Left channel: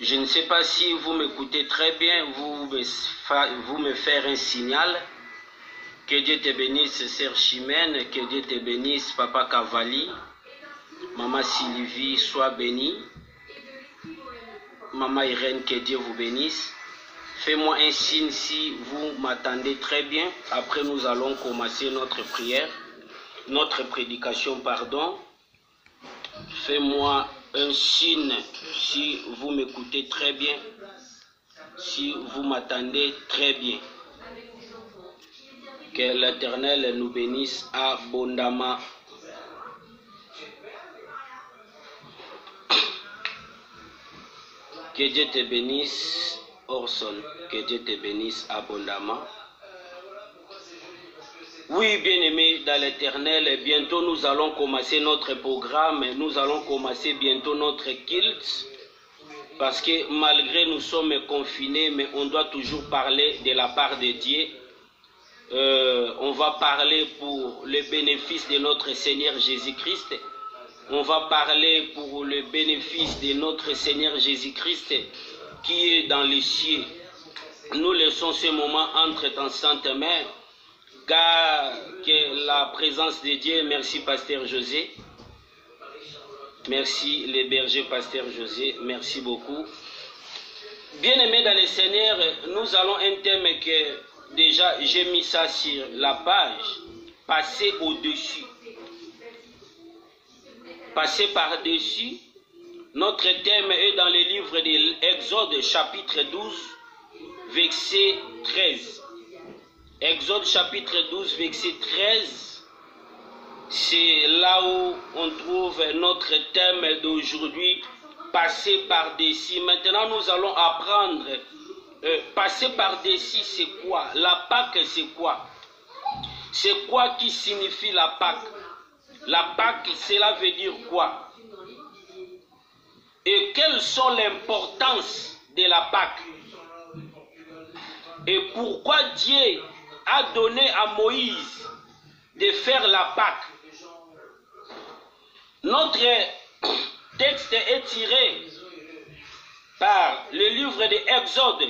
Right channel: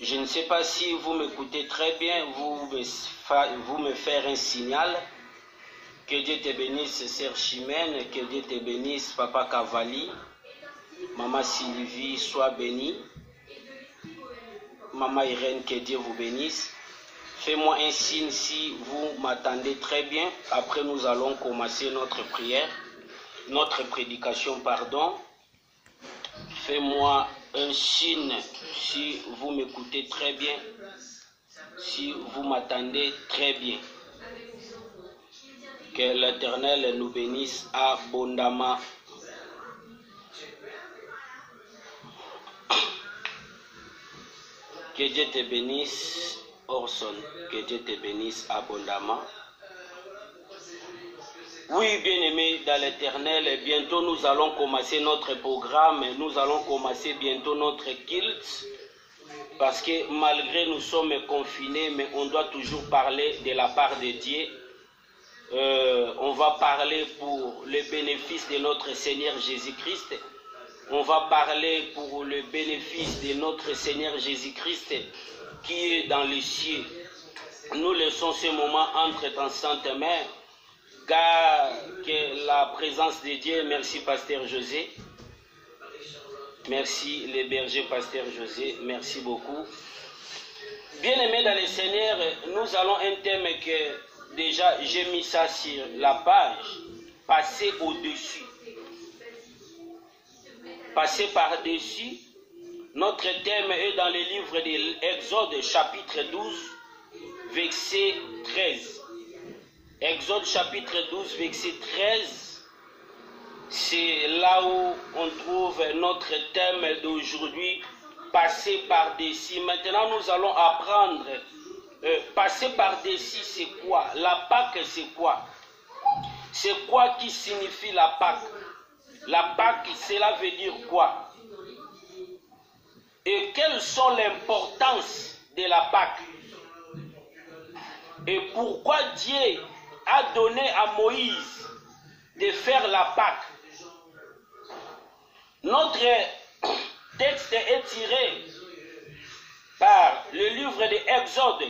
Je ne sais pas si vous m'écoutez très bien, vous me faire un signal. Que Dieu te bénisse, Sœur Chimène, que Dieu te bénisse, Papa Cavalli, Maman Sylvie, sois bénie. Maman Irène, que Dieu vous bénisse. Fais-moi un signe si vous m'attendez très bien. Après, nous allons commencer notre prière, notre prédication, pardon. Fais-moi un signe si vous m'écoutez très bien, si vous m'attendez très bien. Que l'Éternel nous bénisse abondamment. Que Dieu te bénisse, Orson. Que Dieu te bénisse abondamment. Oui, bien-aimés dans l'Éternel, bientôt nous allons commencer notre programme. Nous allons commencer bientôt notre culte. Parce que malgré nous sommes confinés, mais on doit toujours parler de la part de Dieu. On va parler pour le bénéfice de notre Seigneur Jésus-Christ. On va parler pour le bénéfice de notre Seigneur Jésus-Christ qui est dans les cieux. Nous laissons ce moment entre ta sainte mère, car que la présence de Dieu, merci Pasteur José, merci les bergers Pasteur José, merci beaucoup. Bien-aimés dans le Seigneur, nous allons un thème que déjà j'ai mis ça sur la page, passer au-dessus. Passer par-dessus. Notre thème est dans le livre de l'Exode chapitre 12, verset 13. Exode chapitre 12, verset 13. C'est là où on trouve notre thème d'aujourd'hui, passer par-dessus. Maintenant, nous allons apprendre, passer par-dessus, c'est quoi? La Pâque, c'est quoi? C'est quoi qui signifie la Pâque? La Pâque, cela veut dire quoi? Et quelles sont l'importance de la Pâque? Et pourquoi Dieu a donné à Moïse de faire la Pâque? Notre texte est tiré par le livre de Exode,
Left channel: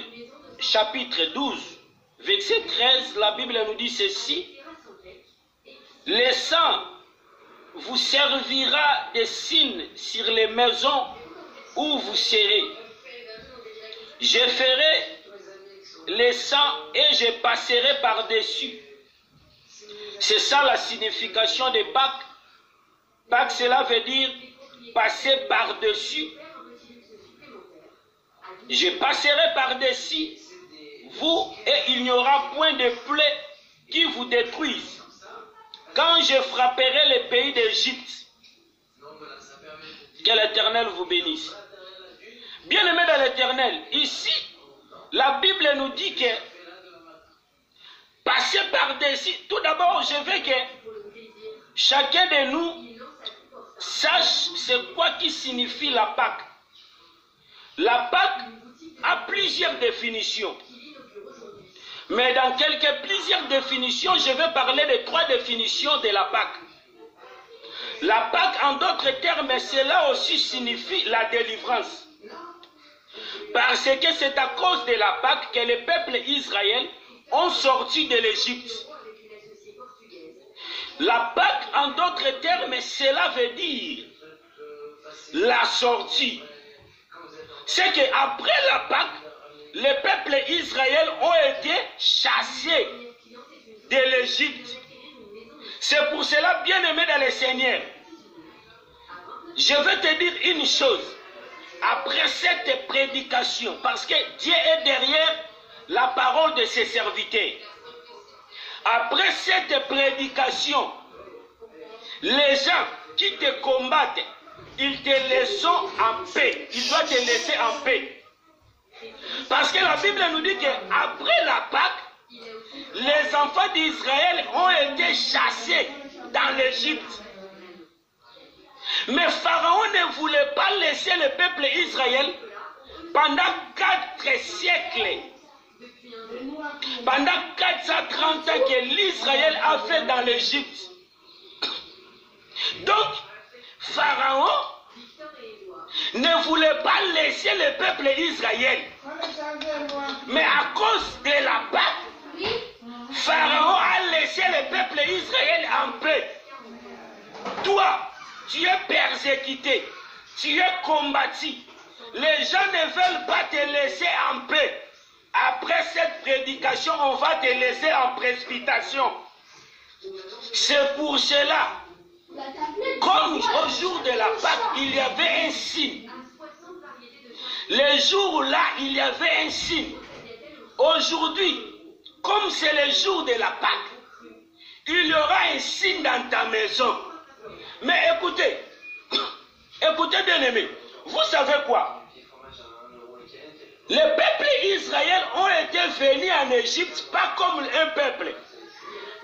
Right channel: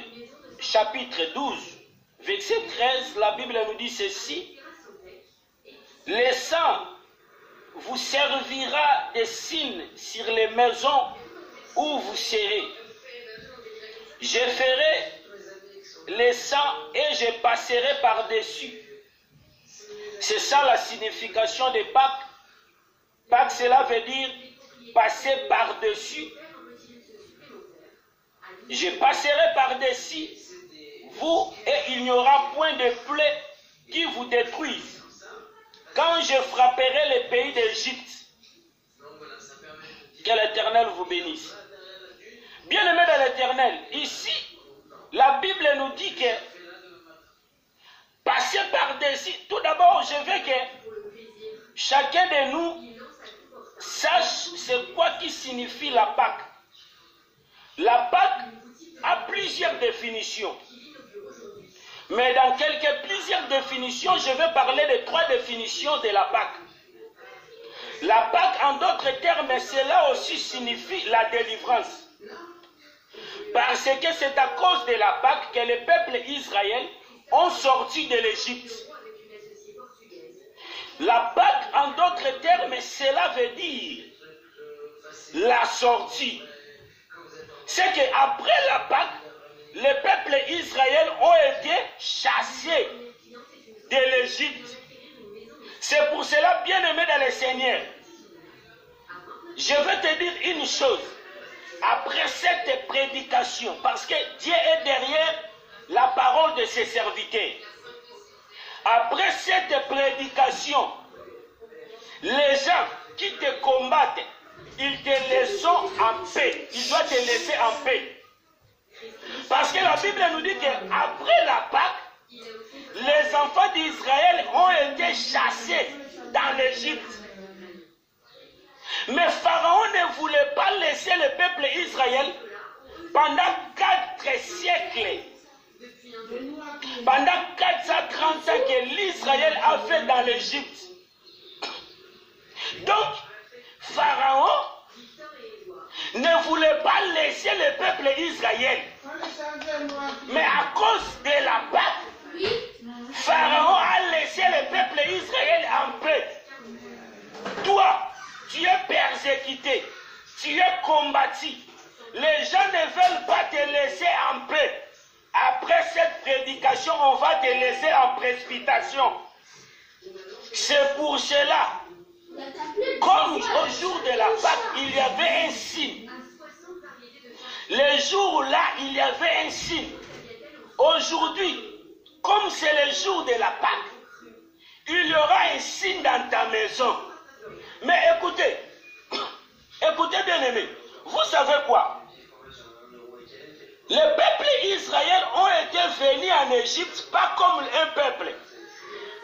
chapitre 12, verset 13. La Bible nous dit ceci: le sang vous servira de signe sur les maisons où vous serez. Je ferai le sang et je passerai par-dessus. C'est ça la signification de Pâques. Pâques, cela veut dire passer par-dessus. Je passerai par-dessus vous et il n'y aura point de plaie qui vous détruise. Quand je frapperai les pays d'Égypte, que l'Éternel vous bénisse. Bien-aimés dans l'Éternel, ici, la Bible nous dit que passer par-dessus, tout d'abord, je veux que chacun de nous sache c'est quoi qui signifie la Pâque. La Pâque a plusieurs définitions. Mais dans plusieurs définitions, je vais parler de 3 définitions de la Pâque. La Pâque, en d'autres termes, cela aussi signifie la délivrance. Parce que c'est à cause de la Pâque que le peuple Israël ont sorti de l'Égypte. La Pâque, en d'autres termes, cela veut dire la sortie. C'est qu'après la Pâque, les peuples Israël ont été chassés de l'Égypte. C'est pour cela, bien-aimé dans le Seigneur, je veux te dire une chose. Après cette prédication, parce que Dieu est derrière la parole de ses serviteurs. Après cette prédication, les gens qui te combattent, ils te laissent en paix. Ils doivent te laisser en paix. Parce que la Bible nous dit qu'après la Pâque, les enfants d'Israël ont été chassés dans l'Égypte. Mais Pharaon ne voulait pas laisser le peuple Israël pendant 4 siècles. Pendant 430 ans que l'Israël a fait dans l'Égypte. Donc, Pharaon ne voulait pas laisser le peuple Israël. Mais à cause de la Pâque, Pharaon a laissé le peuple Israël en paix. Toi, tu es persécuté, tu es combattu. Les gens ne veulent pas te laisser en paix. Après cette prédication, on va te laisser en précipitation. C'est pour cela, comme au jour de la Pâque, il y avait un signe. Les jours-là, il y avait un signe. Aujourd'hui, comme c'est le jour de la Pâque, il y aura un signe dans ta maison. Mais écoutez, écoutez bien aimé, vous savez quoi? Les peuples d'Israël ont été venus en Égypte pas comme un peuple.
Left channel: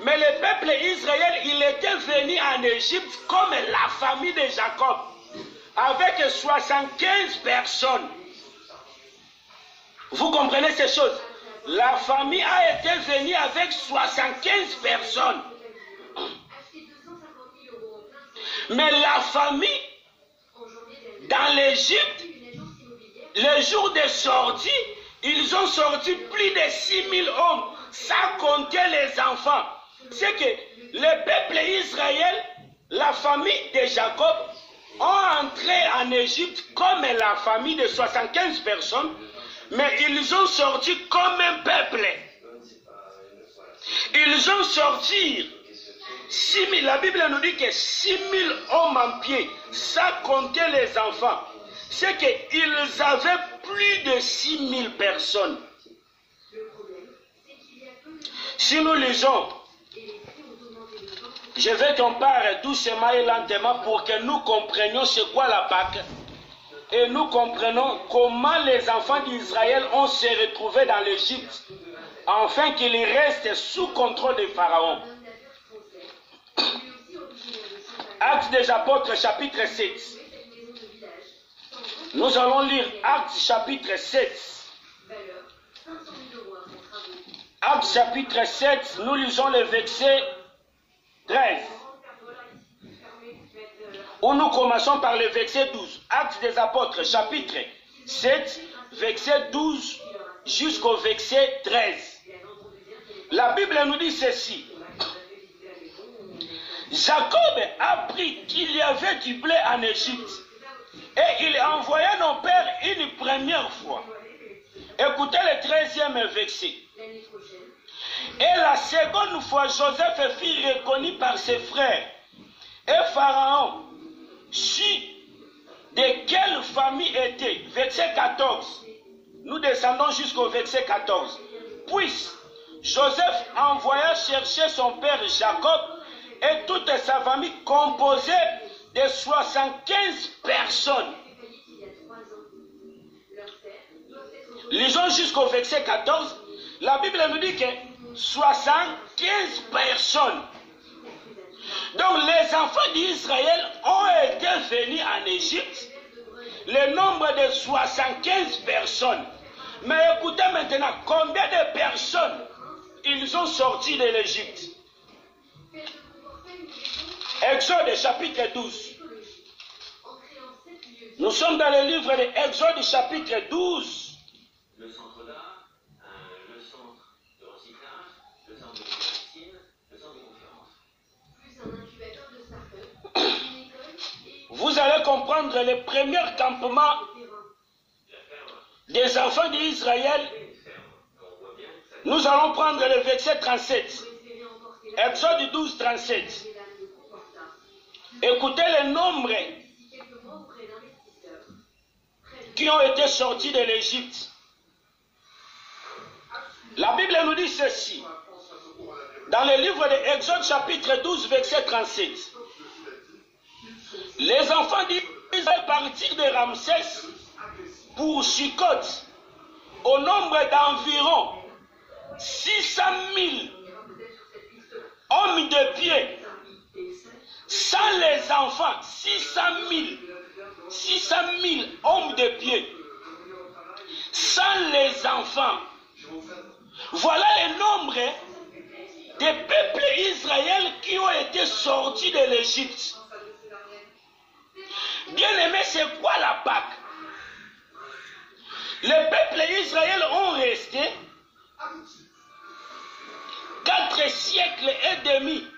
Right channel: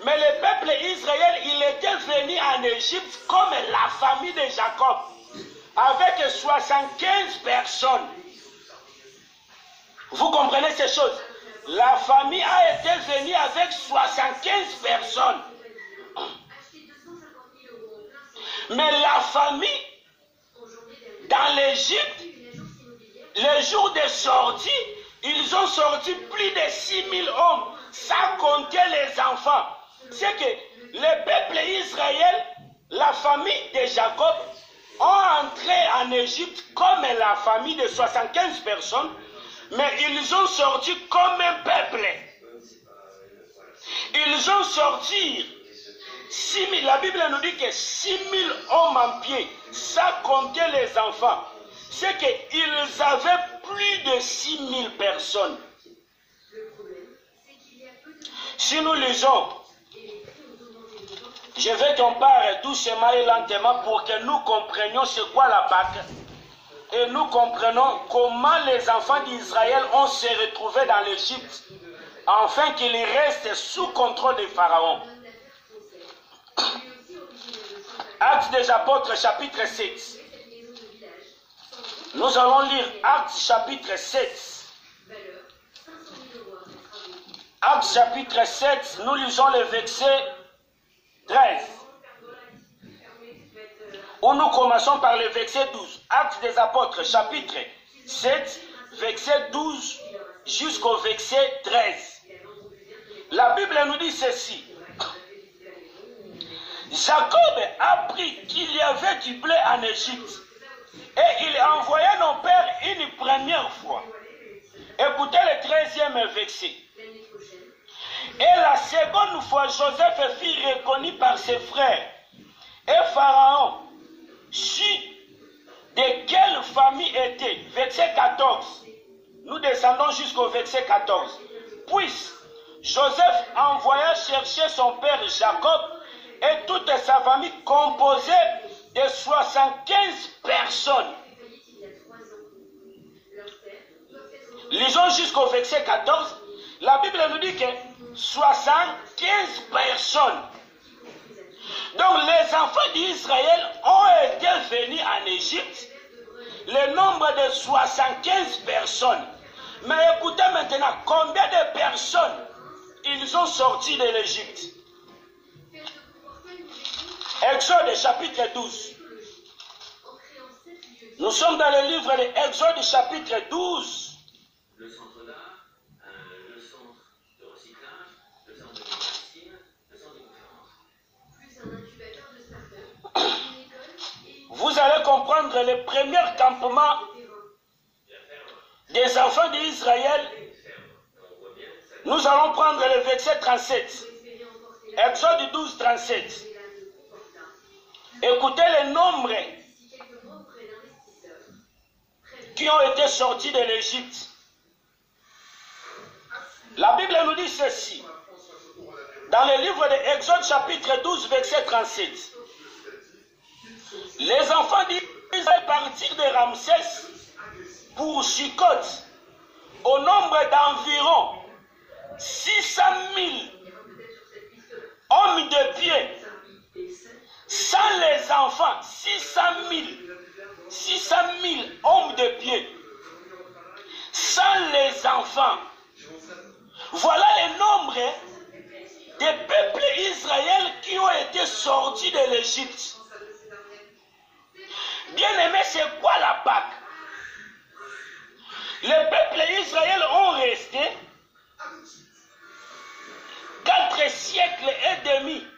Mais le peuple d'Israël, il était venu en Égypte comme la famille de Jacob, avec 75 personnes. Vous comprenez ces choses? La famille a été venue avec 75 personnes. Mais la famille, dans l'Égypte, le jour de sortie, ils ont sorti plus de 6000 hommes, sans compter les enfants. C'est que le peuple d'Israël, la famille de Jacob, ont entré en Égypte comme la famille de 75 personnes, mais ils ont sorti comme un peuple. Ils ont sorti 6000, la Bible nous dit que 6000 hommes en pied, sans compter les enfants. C'est qu'ils avaient plus de 6000 personnes. Si nous lisons, je vais qu'on parle doucement et lentement pour que nous comprenions c'est quoi la Pâque. Et nous comprenons comment les enfants d'Israël ont se retrouvés dans l'Égypte, afin qu'ils restent sous contrôle de Pharaon. Actes des Apôtres, chapitre 7. Nous allons lire Actes chapitre 7. Actes chapitre 7, nous lisons le verset 13. Où nous commençons par le verset 12. Actes des Apôtres, chapitre 7, verset 12 jusqu'au verset 13. La Bible nous dit ceci. Jacob apprit qu'il y avait du blé en Égypte. Et il envoya nos pères une première fois. Écoutez le 13e verset. Et la seconde fois, Joseph fut reconnu par ses frères. Et Pharaon sut de quelle famille était. Verset 14. Nous descendons jusqu'au verset 14. Puis Joseph envoya chercher son père Jacob et toute sa famille composée de 75 personnes. Lisons jusqu'au verset 14. La Bible nous dit que 75 personnes. Donc les enfants d'Israël ont été venus en Égypte. Le nombre de 75 personnes. Mais écoutez maintenant, combien de personnes ils ont sorti de l'Égypte? Exode chapitre 12. Nous sommes dans le livre de Exode chapitre 12. Le centre d'art, le centre de recyclage, le centre de médecine, le centre de conférence. Plus un incubateur de start-up, une école et... Vous allez comprendre le premier campement des enfants d'Israël. Nous allons prendre le verset 37. Exode 12, 37. Écoutez le nombre qui ont été sortis de l'Égypte. La Bible nous dit ceci. Dans le livre de Exode chapitre 12, verset 37. Les enfants d'Israël partirent de Ramsès pour Sukkot au nombre d'environ 600 000 hommes de pied. Sans les enfants, 600 000 hommes de pied. Sans les enfants. Voilà le nombre des peuples Israël qui ont été sortis de l'Égypte. Bien aimé, c'est quoi la Pâque? Les peuples d'Israël ont resté 4 siècles et demi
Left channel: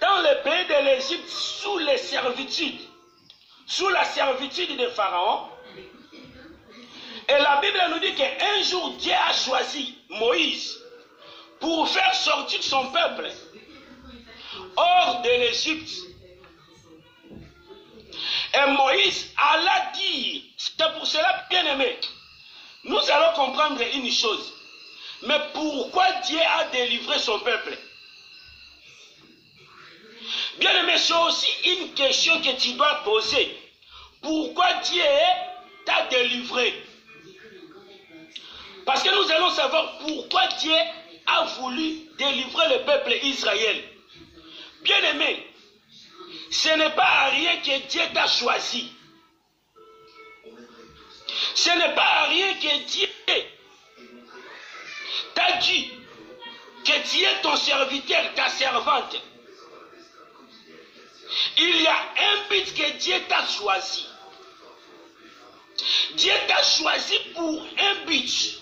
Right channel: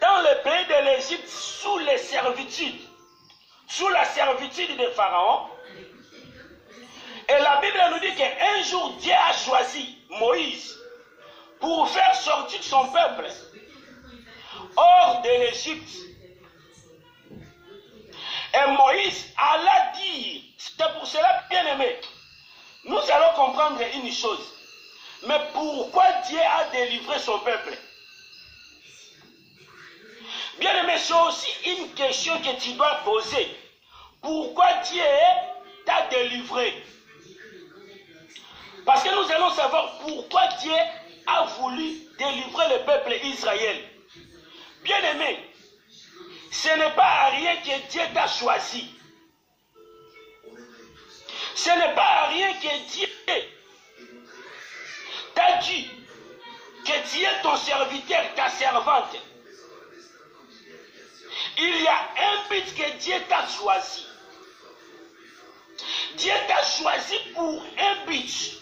dans le pays de l'Égypte sous les servitudes, sous la servitude de Pharaon. Et la Bible nous dit qu'un jour Dieu a choisi Moïse pour faire sortir son peuple hors de l'Égypte. Et Moïse alla dire, c'est pour cela, bien aimé, nous allons comprendre une chose. Mais pourquoi Dieu a délivré son peuple? Bien aimé, c'est aussi une question que tu dois poser. Pourquoi Dieu t'a délivré? Parce que nous allons savoir pourquoi Dieu a voulu délivrer le peuple Israël. Bien aimé, ce n'est pas à rien que Dieu t'a choisi. Ce n'est pas à rien que Dieu t'a dit que tu es ton serviteur, ta servante. Il y a un but que Dieu t'a choisi. Dieu t'a choisi pour un but.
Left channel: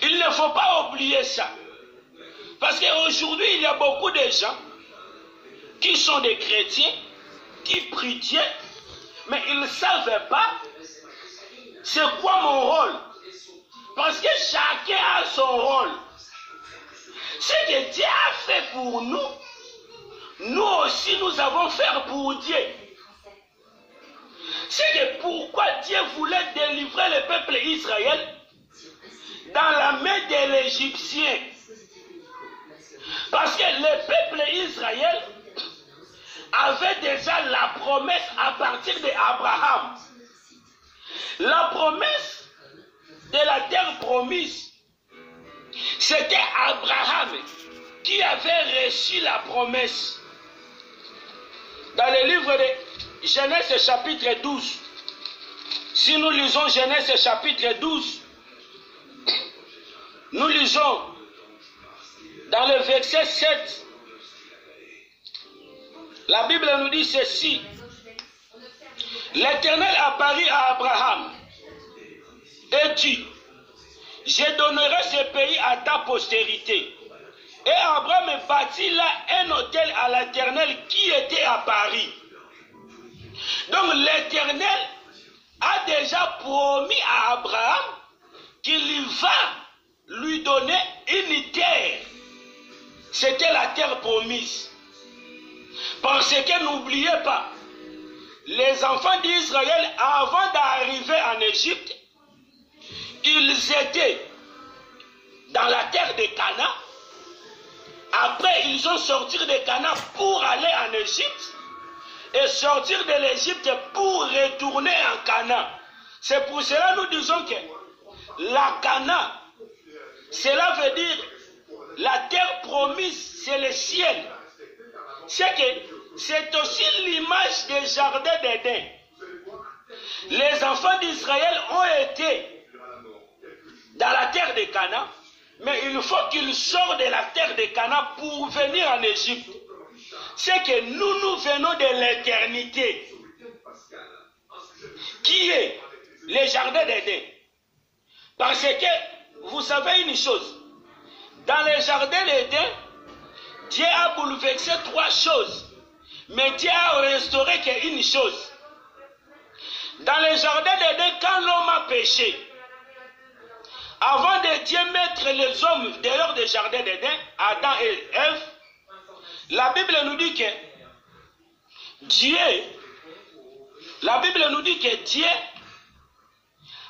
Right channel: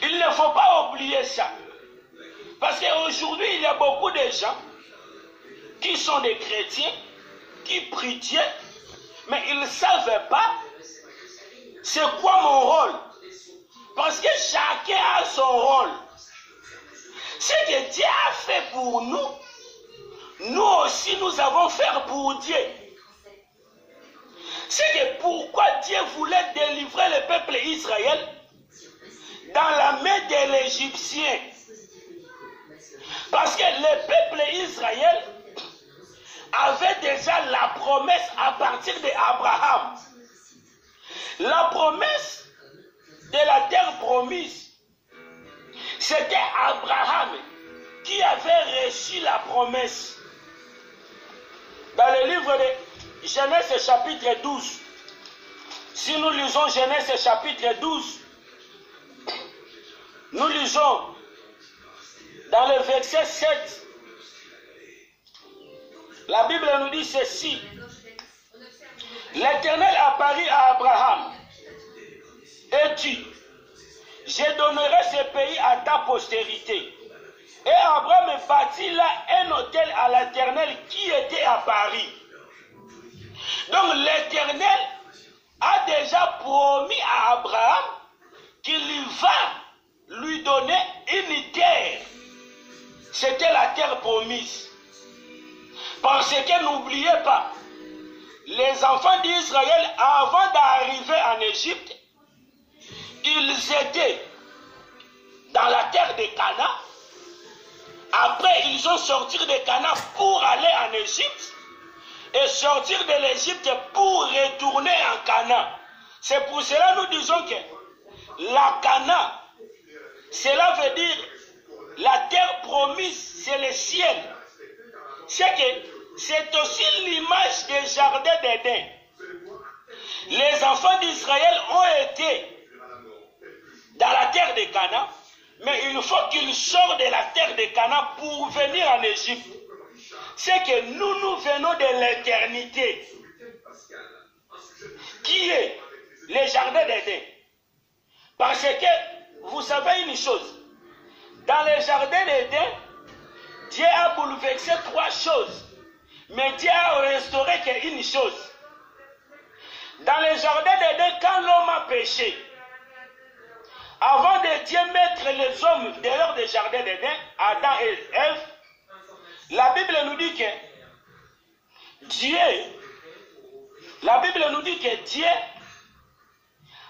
Il ne faut pas oublier ça. Parce qu'aujourd'hui, il y a beaucoup de gens qui sont des chrétiens, qui prient Dieu, mais ils ne savent pas c'est quoi mon rôle. Parce que chacun a son rôle. Ce que Dieu a fait pour nous, nous aussi nous avons fait pour Dieu. C'est que pourquoi Dieu voulait délivrer le peuple Israël dans la main de l'Égyptien. Parce que le peuple Israël avait déjà la promesse à partir d'Abraham. La promesse de la terre promise, c'était Abraham qui avait reçu la promesse. Dans le livre de Genèse chapitre 12, si nous lisons Genèse chapitre 12, nous lisons dans le verset 7, la Bible nous dit ceci. L'Éternel apparut à Abraham et dit, je donnerai ce pays à ta postérité. Et Abraham bâtit là un autel à l'Éternel qui était à Paris. Donc l'Éternel a déjà promis à Abraham qu'il va lui donner une terre. C'était la terre promise. Parce que n'oubliez pas, les enfants d'Israël, avant d'arriver en Égypte, ils étaient dans la terre de Canaan. Après, ils ont sorti de Canaan pour aller en Égypte et sortir de l'Égypte pour retourner en Canaan. C'est pour cela que nous disons que la Canaan, cela veut dire la terre promise, c'est le ciel. C'est que c'est aussi l'image des jardins d'Éden. Les enfants d'Israël ont été dans la terre de Canaan, mais il faut qu'ils sortent de la terre de Canaan pour venir en Égypte. C'est que nous venons de l'éternité, qui est les jardins d'Éden. Parce que, vous savez une chose, dans les jardins d'Éden, Dieu a bouleversé 3 choses, mais Dieu a restauré qu'une chose. Dans les jardins d'Éden, quand l'homme a péché, avant de Dieu mettre les hommes dehors des jardins d'Éden, Adam et Ève, la Bible nous dit que Dieu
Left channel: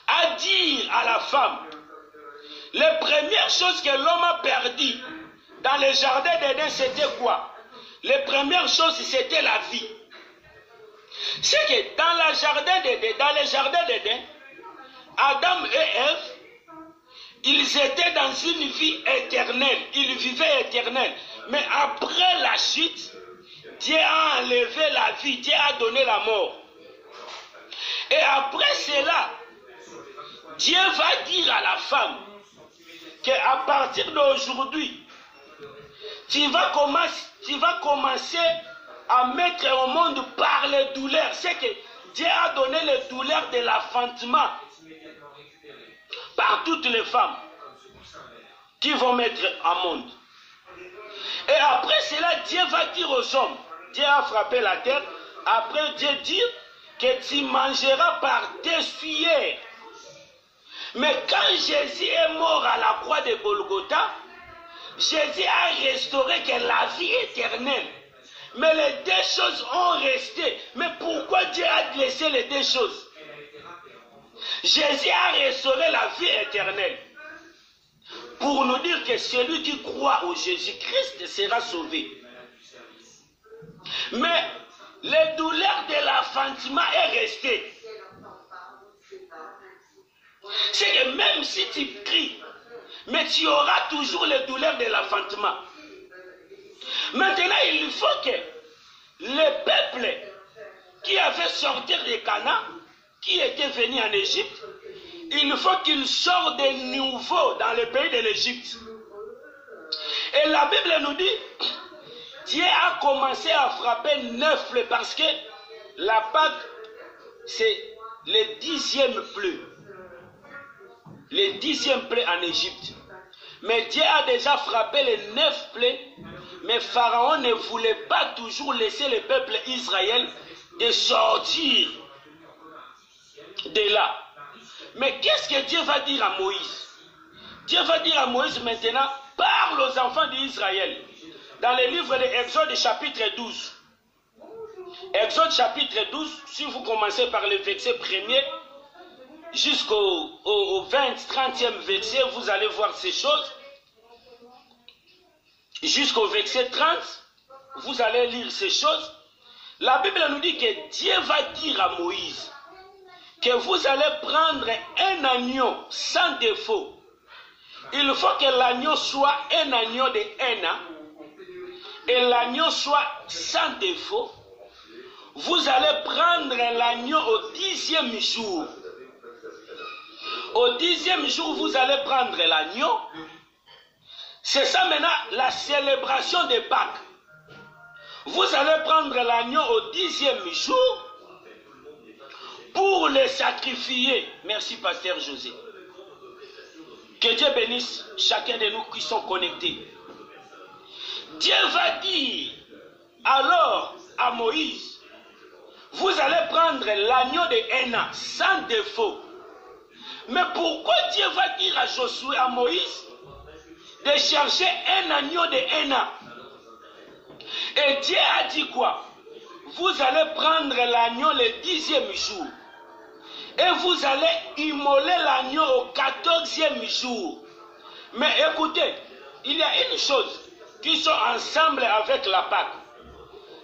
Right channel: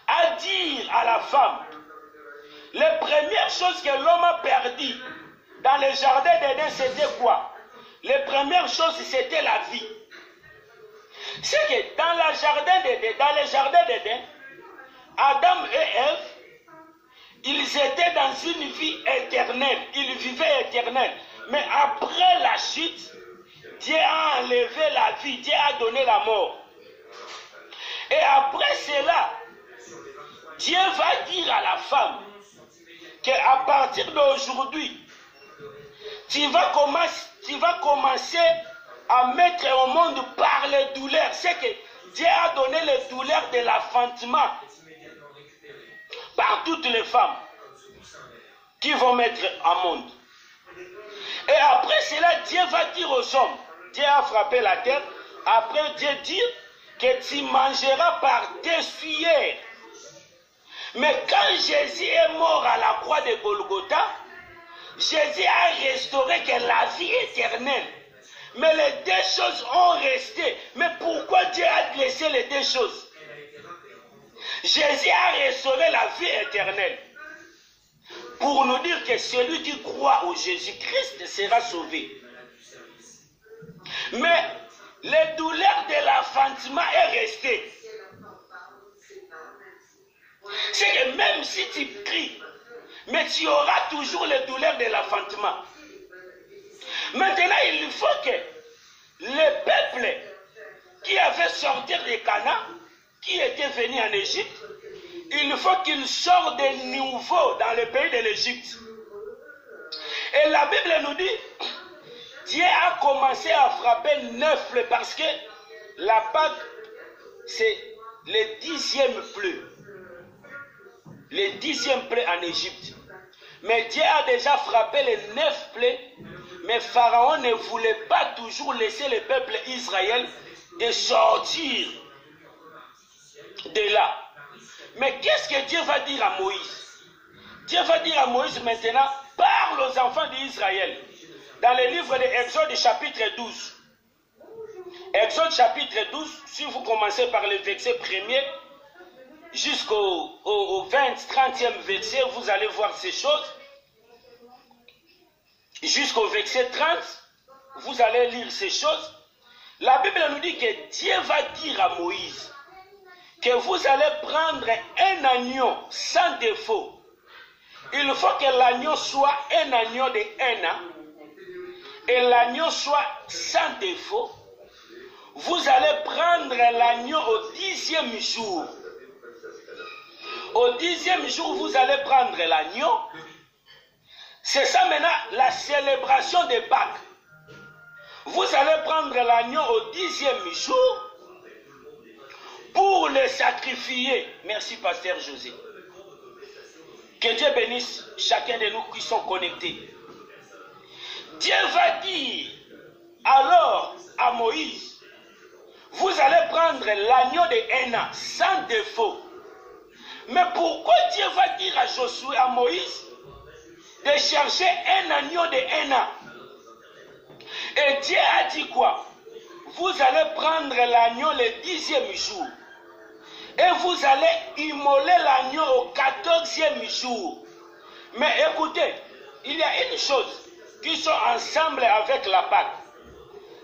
a dit à la femme, les premières choses que l'homme a perdues dans les jardins d'Éden, c'était quoi? Les premières choses, c'était la vie. C'est que dans les jardins d'Éden, Adam et Ève, ils étaient dans une vie éternelle, ils vivaient éternelle. Mais après la chute, Dieu a enlevé la vie, Dieu a donné la mort. Et après cela, Dieu va dire à la femme qu'à partir d'aujourd'hui, tu vas commencer à mettre au monde par les douleurs. C'est que Dieu a donné les douleurs de l'enfantement par toutes les femmes qui vont mettre au monde. Et après cela, Dieu va dire aux hommes, Dieu a frappé la terre, après Dieu dit que tu mangeras par tes sueurs. Mais quand Jésus est mort à la croix de Golgotha, Jésus a restauré que la vie éternelle. Mais les deux choses ont resté. Mais pourquoi Dieu a laissé les deux choses? Jésus a restauré la vie éternelle. Pour nous dire que celui qui croit au Jésus-Christ sera sauvé. Mais les douleurs de l'enfantement est resté. C'est que même si tu cries, mais tu auras toujours les douleurs de l'enfantement. Maintenant, il faut que le peuple qui avait sorti de Canaan, qui était venu en Égypte, il faut qu'il sorte de nouveau dans le pays de l'Égypte. Et la Bible nous dit, Dieu a commencé à frapper 9 plaies parce que la Pâque, c'est le 10e plaie. Le 10e plaie en Égypte. Mais Dieu a déjà frappé les 9 plaies, mais Pharaon ne voulait pas toujours laisser le peuple Israël de sortir de là. Mais qu'est-ce que Dieu va dire à Moïse? Dieu va dire à Moïse maintenant, parle aux enfants d'Israël. Dans le livre de Exode chapitre 12. Exode chapitre 12, si vous commencez par le verset 1er, jusqu'au 30e verset, vous allez voir ces choses. Jusqu'au verset 30, vous allez lire ces choses. La Bible nous dit que Dieu va dire à Moïse que vous allez prendre un agneau sans défaut. Il faut que l'agneau soit un agneau de 1 an et l'agneau soit sans défaut. Vous allez prendre l'agneau au 10e jour. Au 10e jour, vous allez prendre l'agneau. C'est ça maintenant la célébration de Pâques. Vous allez prendre l'agneau au 10e jour pour le sacrifier. Merci, Pasteur José. Que Dieu bénisse chacun de nous qui sont connectés. Dieu va dire alors à Moïse, vous allez prendre l'agneau de 1 an sans défaut. Mais pourquoi Dieu va dire à Josué, à Moïse, de chercher un agneau de 1 an? Et Dieu a dit quoi? Vous allez prendre l'agneau le 10e jour. Et vous allez immoler l'agneau au 14e jour. Mais écoutez, il y a une chose qui sont ensemble avec la Pâque.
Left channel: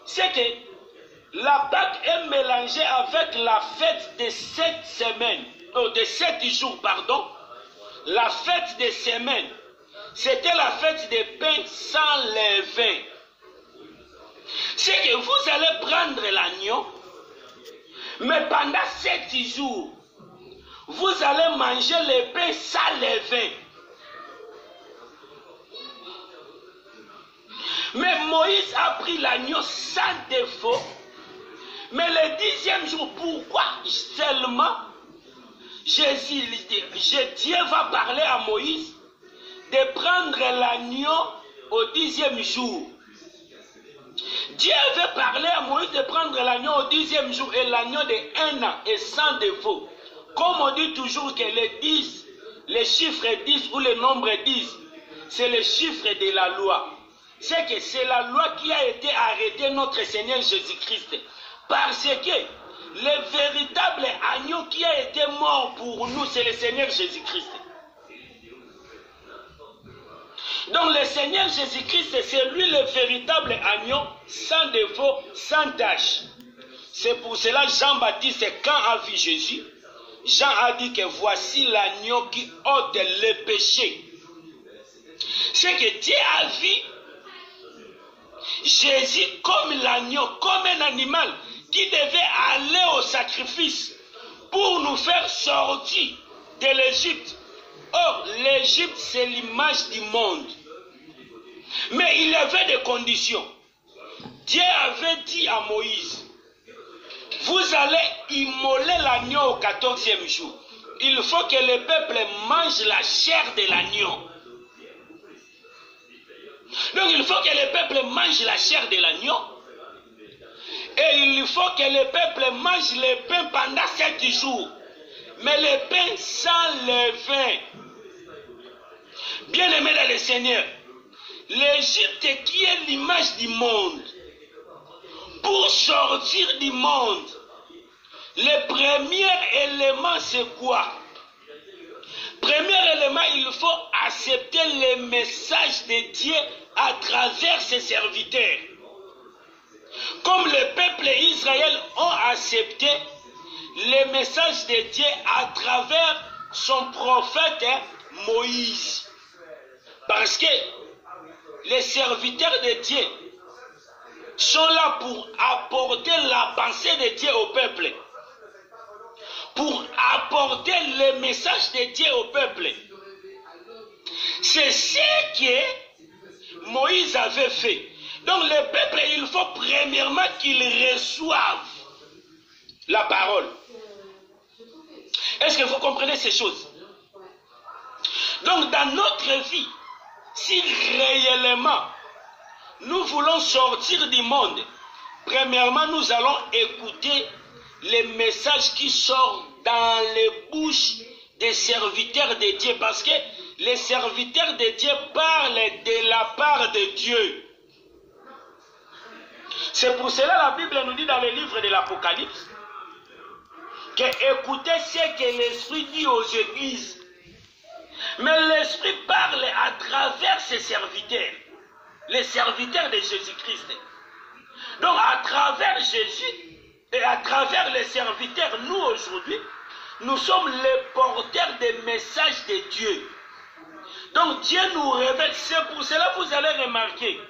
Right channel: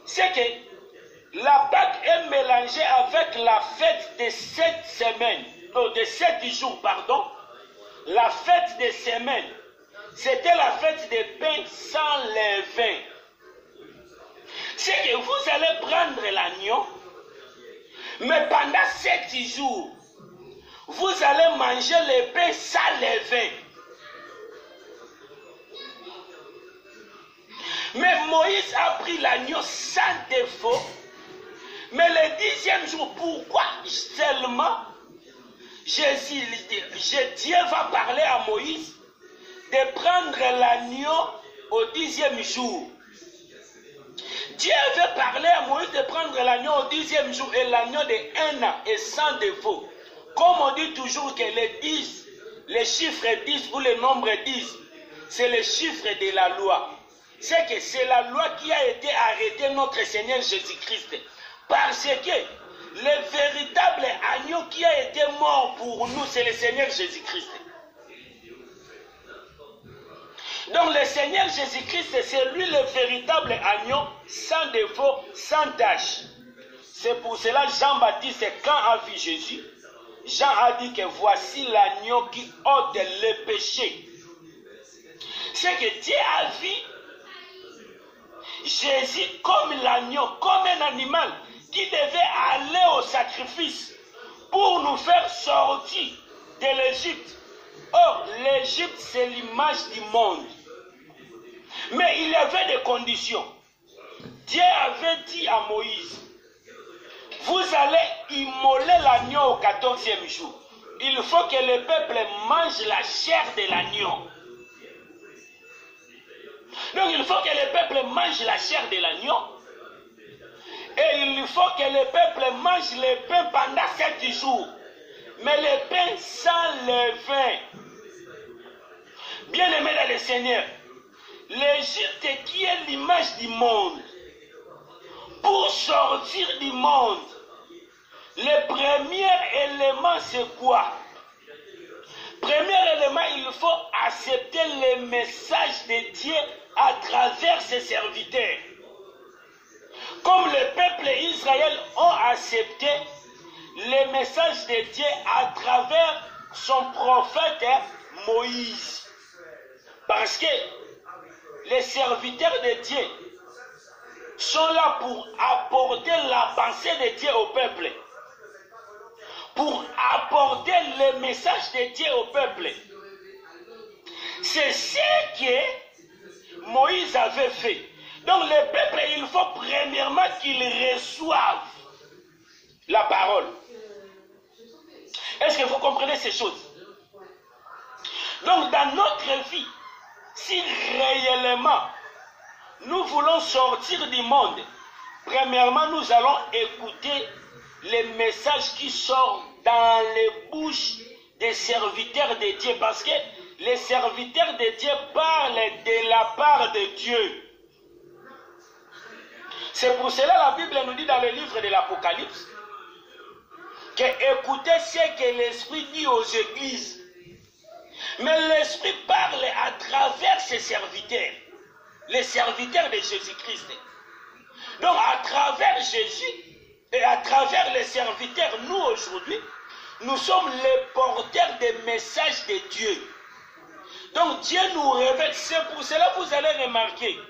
C'est que la Pâque est mélangée avec la fête de 7 semaines. De 7 jours, pardon. La fête des semaines. C'était la fête des pains sans levain. C'est que vous allez prendre l'agneau, mais pendant 7 jours, vous allez manger les pains sans levain. Mais Moïse a pris l'agneau sans défaut, mais le 10e jour, pourquoi seulement Dieu va parler à Moïse de prendre l'agneau au 10e jour? Dieu veut parler à Moïse de prendre l'agneau au 10e jour et l'agneau de 1 an et sans défaut. Comme on dit toujours que les chiffres 10 ou le nombre 10, c'est le chiffre de la loi. C'est que c'est la loi qui a été arrêtée notre Seigneur Jésus-Christ. Parce que le véritable agneau qui a été mort pour nous, c'est le Seigneur Jésus-Christ. Donc le Seigneur Jésus-Christ, c'est lui le véritable agneau, sans défaut, sans tache. C'est pour cela Jean-Baptiste, quand a vu Jésus, Jean a dit que voici l'agneau qui ôte le péché. C'est que Dieu a vu Jésus comme l'agneau, comme un animal qui devait aller au sacrifice pour nous faire sortir de l'Égypte. Or, l'Égypte, c'est l'image du monde. Mais il y avait des conditions. Dieu avait dit à Moïse, vous allez immoler l'agneau au 14e jour. Il faut que le peuple mange la chair de l'agneau. Donc il faut que le peuple mange la chair de l'agneau. Et il faut que le peuple mange le pain pendant 7 jours. Mais le pain sans levain. Bien aimé dans le Seigneur, l'Égypte qui est l'image du monde, pour sortir du monde, le premier élément c'est quoi? Premier élément, il faut accepter le message de Dieu à travers ses serviteurs. Comme le peuple Israël ont accepté le message de Dieu à travers son prophète Moïse. Parce que les serviteurs de Dieu sont là pour apporter la pensée de Dieu au peuple. Pour apporter le message de Dieu au peuple. C'est ce que Moïse avait fait. Donc le peuple, il faut premièrement qu'il reçoive la parole. Est-ce que vous comprenez ces choses? Donc dans notre vie, si réellement nous voulons sortir du monde, premièrement nous allons écouter les messages qui sortent dans les bouches des serviteurs de Dieu. Parce que les serviteurs de Dieu parlent de la part de Dieu. C'est pour cela la Bible nous dit dans le livre de l'Apocalypse que écoutez ce que l'Esprit dit aux églises. Mais l'Esprit parle à travers ses serviteurs, les serviteurs de Jésus-Christ. Donc à travers Jésus et à travers les serviteurs, nous aujourd'hui, nous sommes les porteurs des messages de Dieu. Donc Dieu nous révèle. C'est pour cela que vous allez remarquer,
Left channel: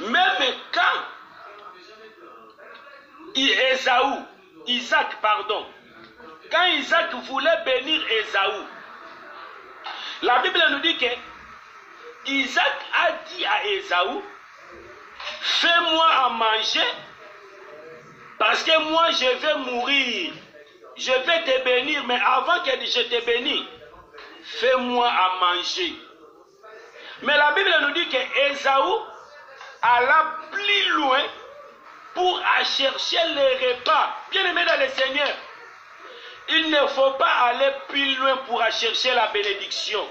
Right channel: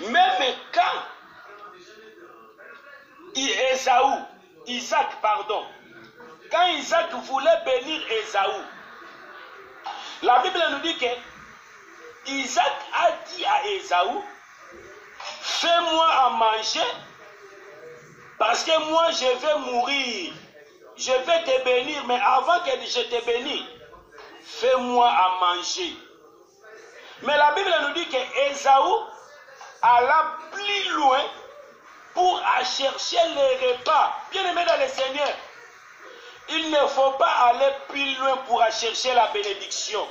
même quand Isaac, quand Isaac voulait bénir Ésaü, la Bible nous dit que Isaac a dit à Ésaü, fais-moi à manger, parce que moi je vais mourir. Je vais te bénir, mais avant que je te bénisse, fais-moi à manger. Mais la Bible nous dit que Ésaü alla plus loin pour chercher les repas. Bien aimé dans le Seigneur, il ne faut pas aller plus loin pour chercher la bénédiction.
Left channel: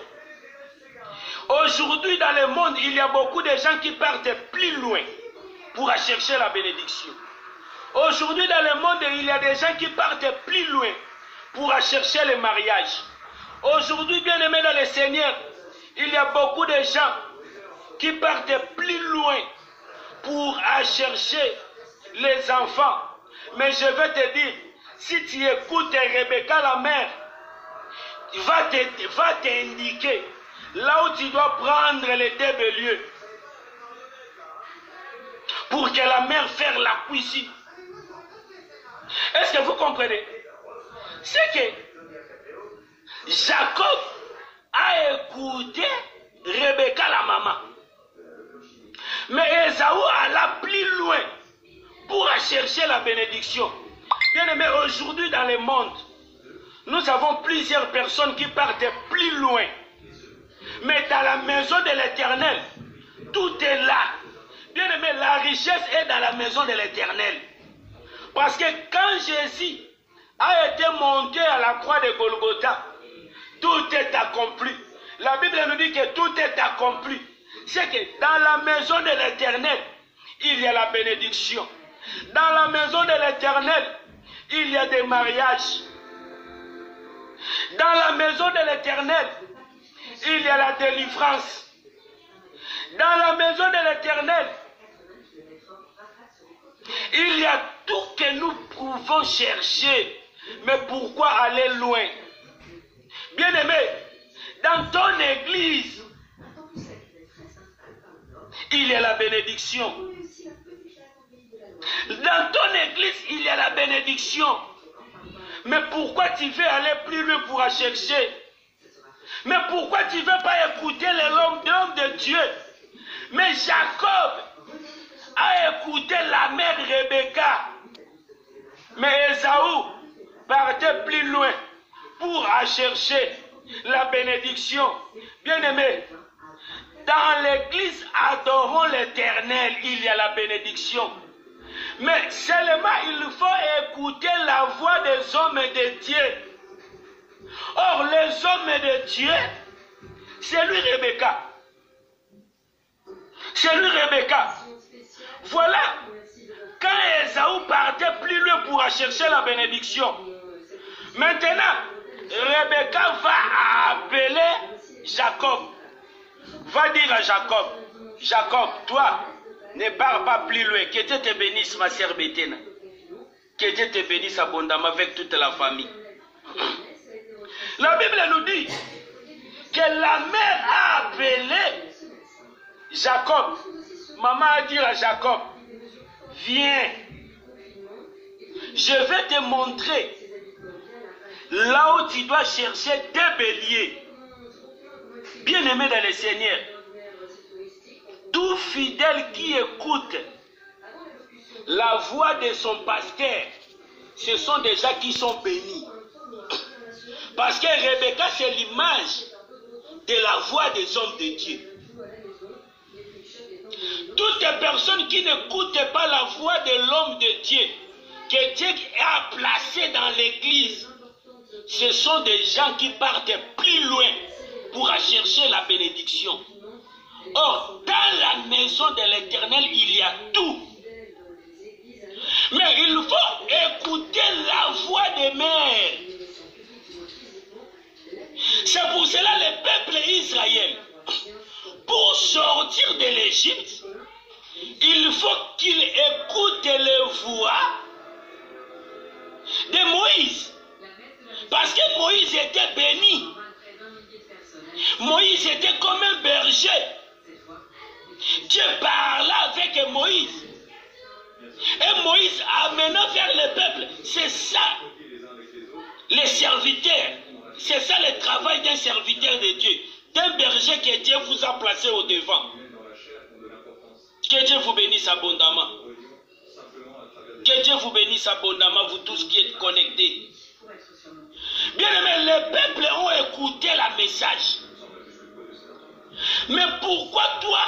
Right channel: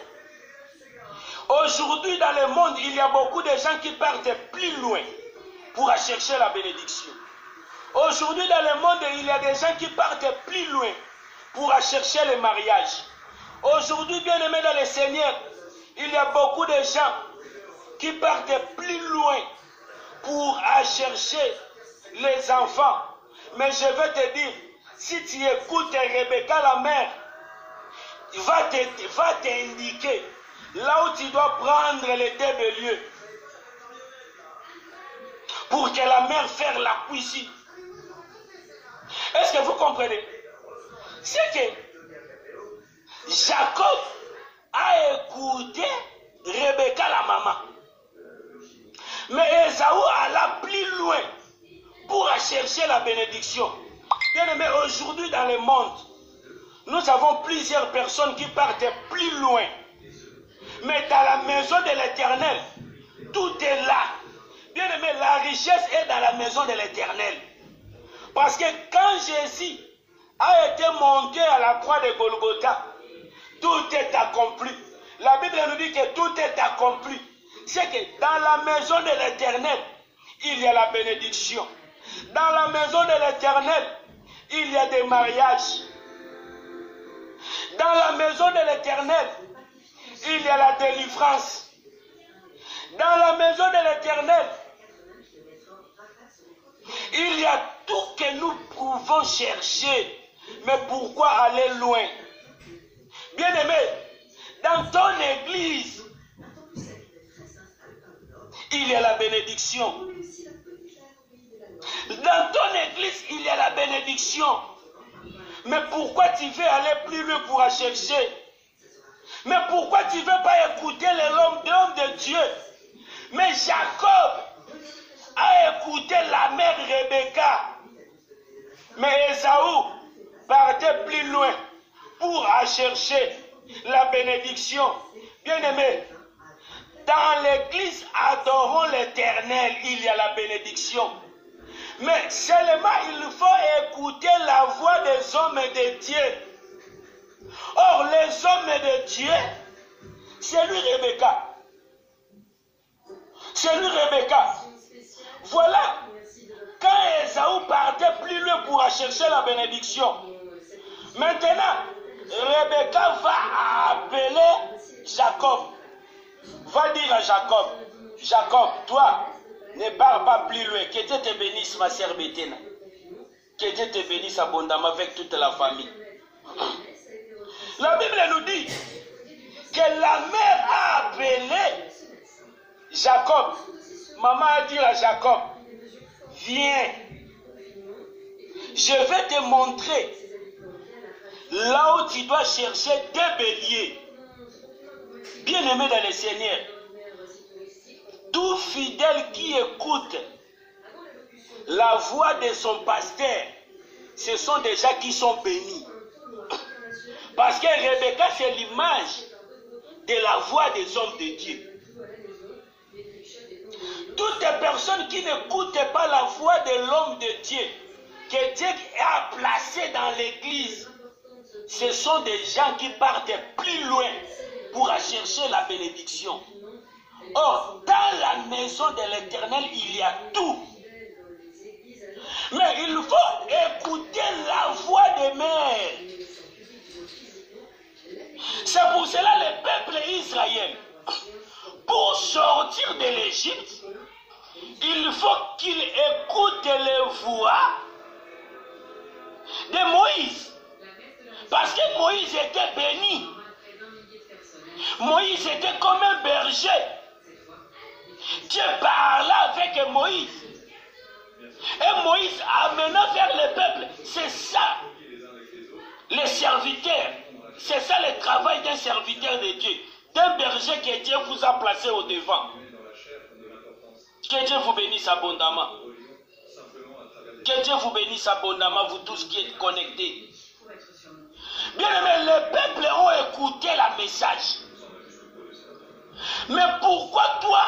Aujourd'hui dans le monde, il y a beaucoup de gens qui partent plus loin pour chercher la bénédiction. Aujourd'hui dans le monde, il y a des gens qui partent plus loin pour chercher le mariage. Aujourd'hui, bien aimé dans le Seigneur, il y a beaucoup de gens qui partent plus loin pour chercher les enfants. Mais je vais te dire, si tu écoutes Rebecca la mère, va t'indiquer là où tu dois prendre les 2 béliers pour que la mère fasse la cuisine. Est-ce que vous comprenez? C'est que Jacob a écouté Rebecca la maman. Mais Ésaü alla plus loin pour chercher la bénédiction. Bien aimé, aujourd'hui dans le monde, nous avons plusieurs personnes qui partent plus loin. Mais dans la maison de l'Éternel, tout est là. Bien aimé, la richesse est dans la maison de l'Éternel. Parce que quand Jésus a été monté à la croix de Golgotha, tout est accompli. La Bible nous dit que tout est accompli. C'est que dans la maison de l'Éternel, il y a la bénédiction. Dans la maison de l'Éternel, il y a des mariages. Dans la maison de l'Éternel, il y a la délivrance. Dans la maison de l'Éternel, il y a tout que nous pouvons chercher. Mais pourquoi aller loin? Bien aimé, dans ton église, il y a la bénédiction. Dans ton église, il y a la bénédiction. Mais pourquoi tu veux aller plus loin pour chercher? Mais pourquoi tu ne veux pas écouter l'homme de Dieu? Mais Jacob a écouté la mère Rebecca. Mais Ésaü partait plus loin pour chercher la bénédiction. Bien-aimés, dans l'église adorons l'Éternel, il y a la bénédiction. Mais seulement il faut écouter la voix des hommes de Dieu. Or, les hommes de Dieu, c'est lui Rebecca. C'est lui Rebecca. Voilà, quand Ésaü partait plus loin pour chercher la bénédiction, maintenant, Rebecca va appeler Jacob. Va dire à Jacob, Jacob, toi, ne pars pas plus loin. Que Dieu te bénisse, ma sœur Béthène. Que Dieu te bénisse abondamment avec toute la famille. La Bible nous dit que la mère a appelé Jacob. Maman a dit à Jacob, viens, je vais te montrer là où tu dois chercher des béliers. Bien-aimé dans le Seigneur, tout fidèle qui écoute la voix de son pasteur, ce sont des gens qui sont bénis. Parce que Rebecca, c'est l'image de la voix des hommes de Dieu. Toutes les personnes qui n'écoutent pas la voix de l'homme de Dieu, que Dieu a placé dans l'église, ce sont des gens qui partent plus loin pour chercher la bénédiction. Or, dans la maison de l'Éternel, il y a tout. Mais il faut écouter la voix des mères. C'est pour cela le peuple Israël, pour sortir de l'Égypte, il faut qu'il écoute les voix de Moïse. Parce que Moïse était béni. Moïse était comme un berger. Dieu parla avec Moïse. Et Moïse amena vers le peuple. C'est ça, les serviteurs. C'est ça le travail d'un serviteur de Dieu. D'un berger que Dieu vous a placé au devant. Que Dieu vous bénisse abondamment. Que Dieu vous bénisse abondamment, vous tous qui êtes connectés. Bien aimé, les peuples ont écouté la message. Mais pourquoi toi,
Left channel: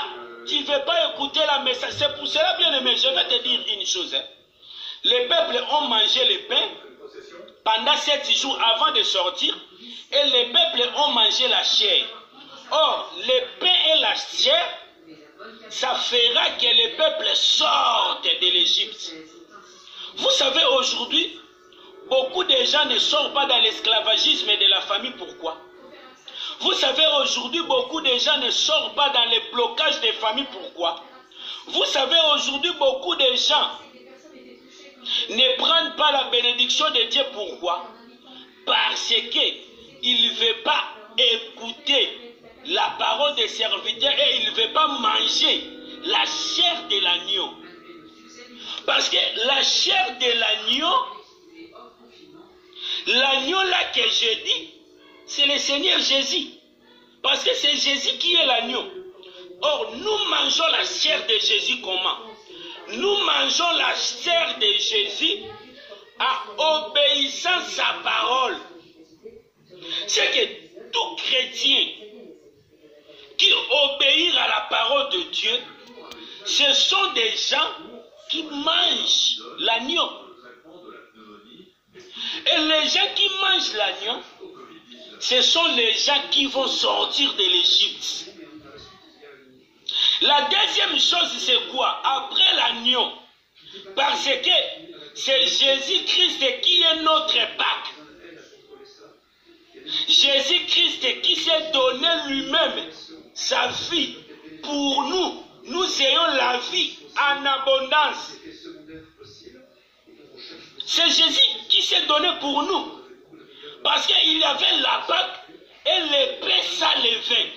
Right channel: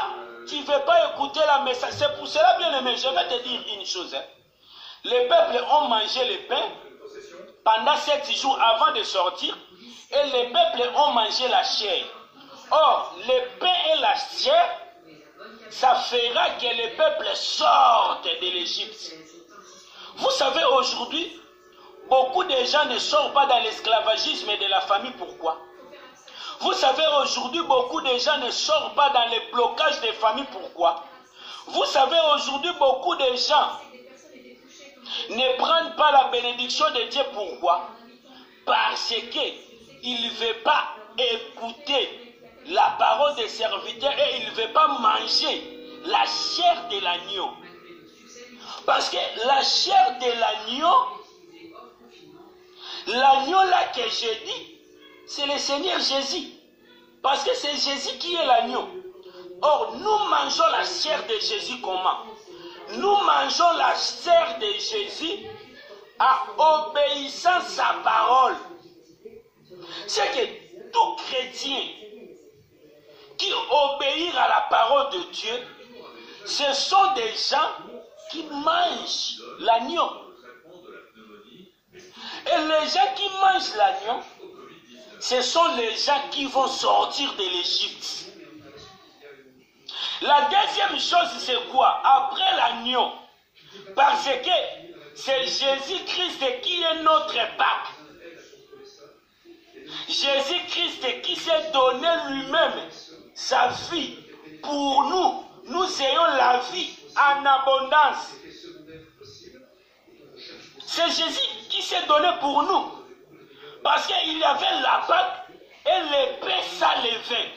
tu ne veux pas écouter la message? C'est pour cela, bien aimé, je vais te dire une chose. Les peuples ont mangé le pain pendant 7 jours avant de sortir. Et les peuples ont mangé la chair. Or, le pain et la chair, ça fera que les peuples sortent de l'Égypte. Vous savez, aujourd'hui, beaucoup de gens ne sortent pas dans l'esclavagisme de la famille. Pourquoi? Vous savez, aujourd'hui, beaucoup de gens ne sortent pas dans les blocages des familles. Pourquoi? Vous savez, aujourd'hui, beaucoup de gens ne prennent pas la bénédiction de Dieu. Pourquoi? Parce qu'ils ne veulent pas écouter la parole des serviteurs et ils ne veulent pas manger la chair de l'agneau. Parce que la chair de l'agneau là que je dis, c'est le Seigneur Jésus. Parce que c'est Jésus qui est l'agneau. Or, nous mangeons la chair de Jésus comment? Nous mangeons la chair de Jésus en obéissant sa parole. C'est que tout chrétien qui obéit à la parole de Dieu, ce sont des gens qui mangent l'agneau. Et les gens qui mangent l'agneau, ce sont les gens qui vont sortir de l'Égypte. La deuxième chose, c'est quoi? Après l'agneau, parce que c'est Jésus-Christ qui est notre Pâque. Jésus-Christ qui s'est donné lui-même sa vie pour nous. Nous ayons la vie en abondance. C'est Jésus qui s'est donné pour nous. Parce qu'il y avait la Pâque et l'épée sans levain.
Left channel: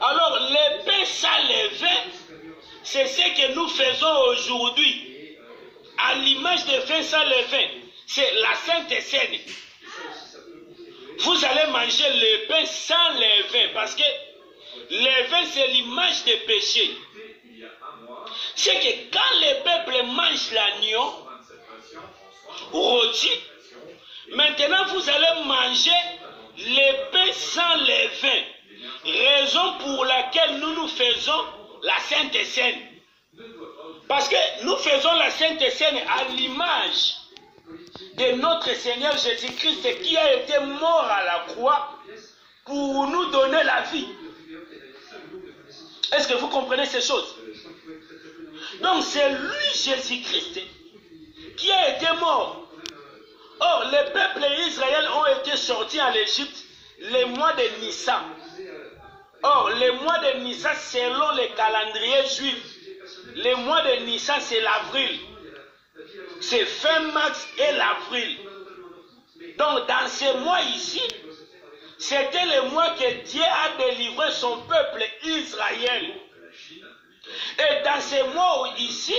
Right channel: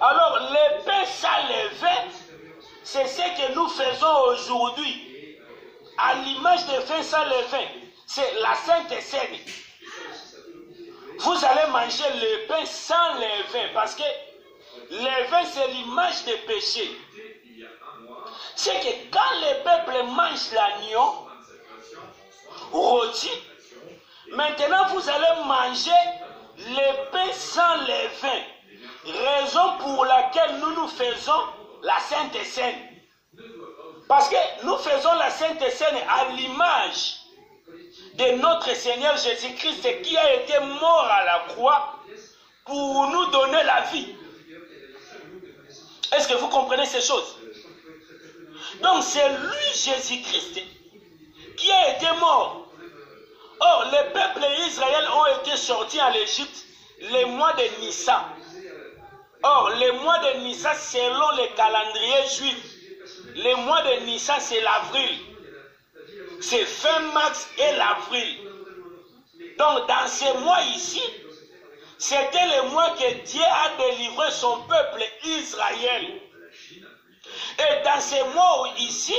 Alors l'épée sans levain, c'est ce que nous faisons aujourd'hui. À l'image de pain sans levain, c'est la Sainte Seine. Vous allez manger le pain sans levain parce que le levain c'est l'image des péchés. c'est que quand le peuple mange l'agneau rôti, maintenant vous allez manger le pain sans levain. Raison pour laquelle nous faisons la Sainte Seine. Parce que nous faisons la Sainte Seine à l'image de notre Seigneur Jésus-Christ qui a été mort à la croix pour nous donner la vie. Est-ce que vous comprenez ces choses? Donc c'est lui, Jésus-Christ, qui a été mort. Or, les peuples d'Israël ont été sortis en Égypte le mois de Nissan. Or, le mois de Nissan, selon le calendrier juif, le mois de Nissan, c'est l'avril. C'est fin mars et l'avril. Donc, dans ce mois ici, c'était le mois que Dieu a délivré son peuple Israël. Et dans ce mois ici,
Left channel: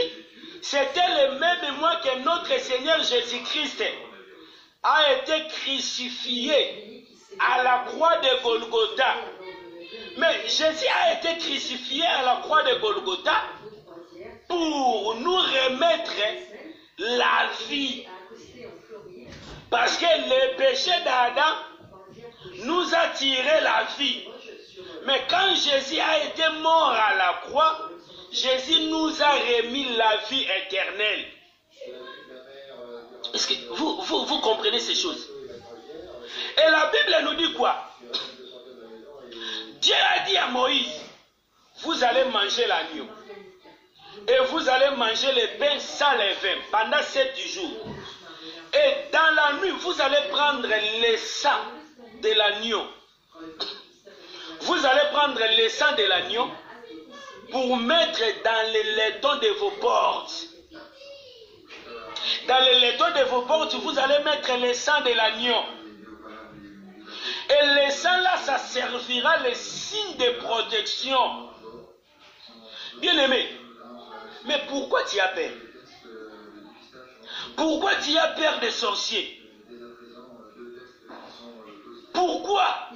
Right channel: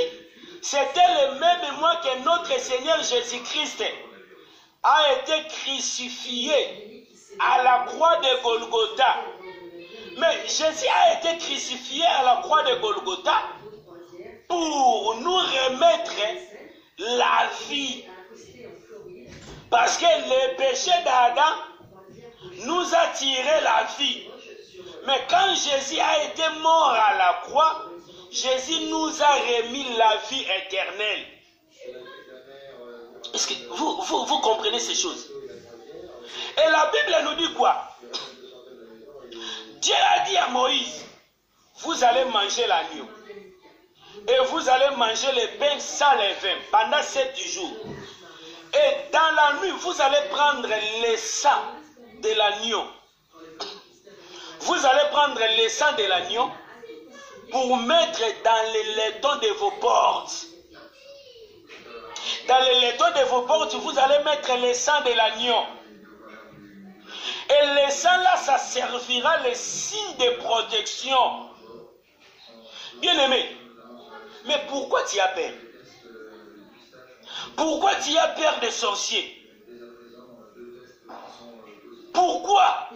c'était le même mois que notre Seigneur Jésus-Christ a été crucifié à la croix de Golgotha. Mais Jésus a été crucifié à la croix de Golgotha pour nous remettre la vie. Parce que le péché d'Adam nous a tiré la vie. Mais quand Jésus a été mort à la croix, Jésus nous a remis la vie éternelle. Est-ce que vous comprenez ces choses? Et la Bible nous dit quoi? Dieu a dit à Moïse, vous allez manger l'agneau. Et vous allez manger le pain sans levain pendant 7 jours. Et dans la nuit, vous allez prendre le sang de l'agneau. Vous allez prendre le sang de l'agneau pour mettre dans le laiton de vos portes. Dans le laiton de vos portes, vous allez mettre le sang de l'agneau. Et le sang là, ça servira le signe de protection. Bien-aimé, mais pourquoi tu as peur? Pourquoi tu as peur des sorciers? Pourquoi?